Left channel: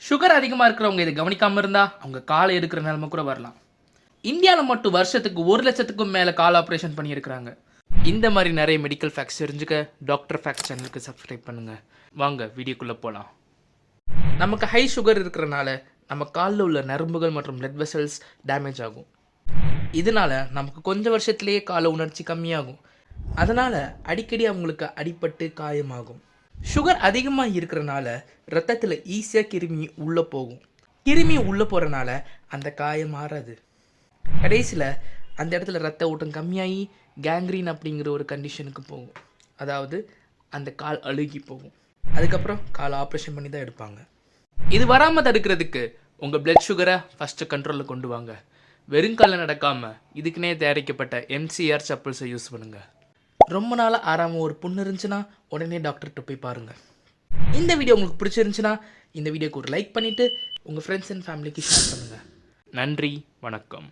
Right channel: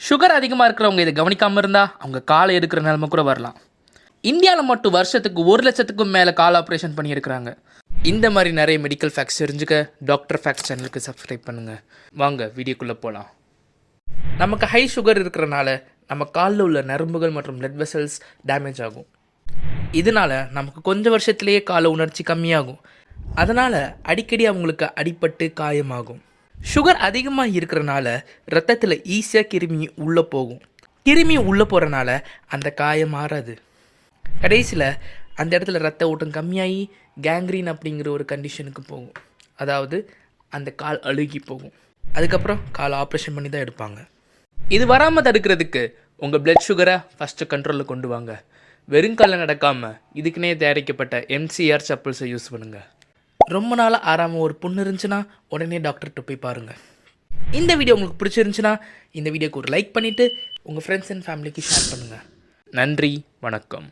Sugar அதிகமாக இருக்கிறவங்க இதை கவனிக்காமல் இருந்தால் அவங்க காலை எடுக்கிற நிலைமை கூட வரலாம். இந்தியாவில் மட்டும் வருஷத்துக்கு 1,00,000க்கும் மேலே கால் ஆப்ரேஷன் பண்ணியிருக்கிறாங்க. இந்த மாதிரி நிறைய மெடிக்கல் ஃபேக்ட்ஸ் தெரிஞ்சுக்க டாக்டர் ஃபேக்ட்ஸ் சேனலுக்கு சப்ஸ்கிரைப் பண்ணுங்கள். வாங்க வீடியோக்குள்ளே போகலாம். நமக்கு ஹை சுகர் இருக்கிறனால நம்ம காலில் உள்ள நரம்புகள் மற்றும் பிளட் வெசல்ஸ் டேமேஜ் ஆகும். இதனால் நமக்கு கொஞ்சம் வருஷத்துலேயே கால உணர்ச்சி கம்மியாகும். அதனால் அடிக்கடி அவங்களுக்கு அடிபட்டு காயமாகும். சுகர் அதிகமாக இருக்கிறனால ரத்தத்தில் ஈஸியாக கிருமி உள்ளே போகும். கிருமி உள்ளே போகிறனால அந்த காயம் மாறாது. கடைசியில் அந்த இடத்துல ரத்த ஓட்டம் கம்மியாகி கேங்க்ரீன் அப்படிங்கிற ஒரு கண்டிஷனுக்கு போகும். அதாவது அந்த கால் அழுகி போகும். அதுக்கப்புறம் கால் ஆப்ரேஷன் பண்ணி தான் எடுப்பாங்க. இது வராமல் தடுக்கிறதுக்கு உங்கள் பிளட் சுகரை ஃபஸ்ட்டு கண்ட்ரோலில் கொண்டு வாங்க. வெறுங்காலில் நடக்காமல் இதுக்குன்னே தயாரிக்கப்பட்ட MCR சப்பல்ஸை யூஸ் பண்ணுங்கள். ரொம்ப நாளாக ஆறாமல் ஒரு புண்ணு இருந்துச்சுன்னா உடனே டாக்டர்கிட்ட போய் பாருங்கள். இந்த வீடியோ உங்களுக்கு பிடிச்சிருந்துச்சுன்னா இந்த வீடியோக்கு ஒரு லைக் பண்ணிவிட்டு உங்கள் ஃப்ரெண்ட்ஸ் அண்ட் ஃபேமிலிக்கு ஷேர் பண்ணுங்கள். நன்றி, வணக்கம்.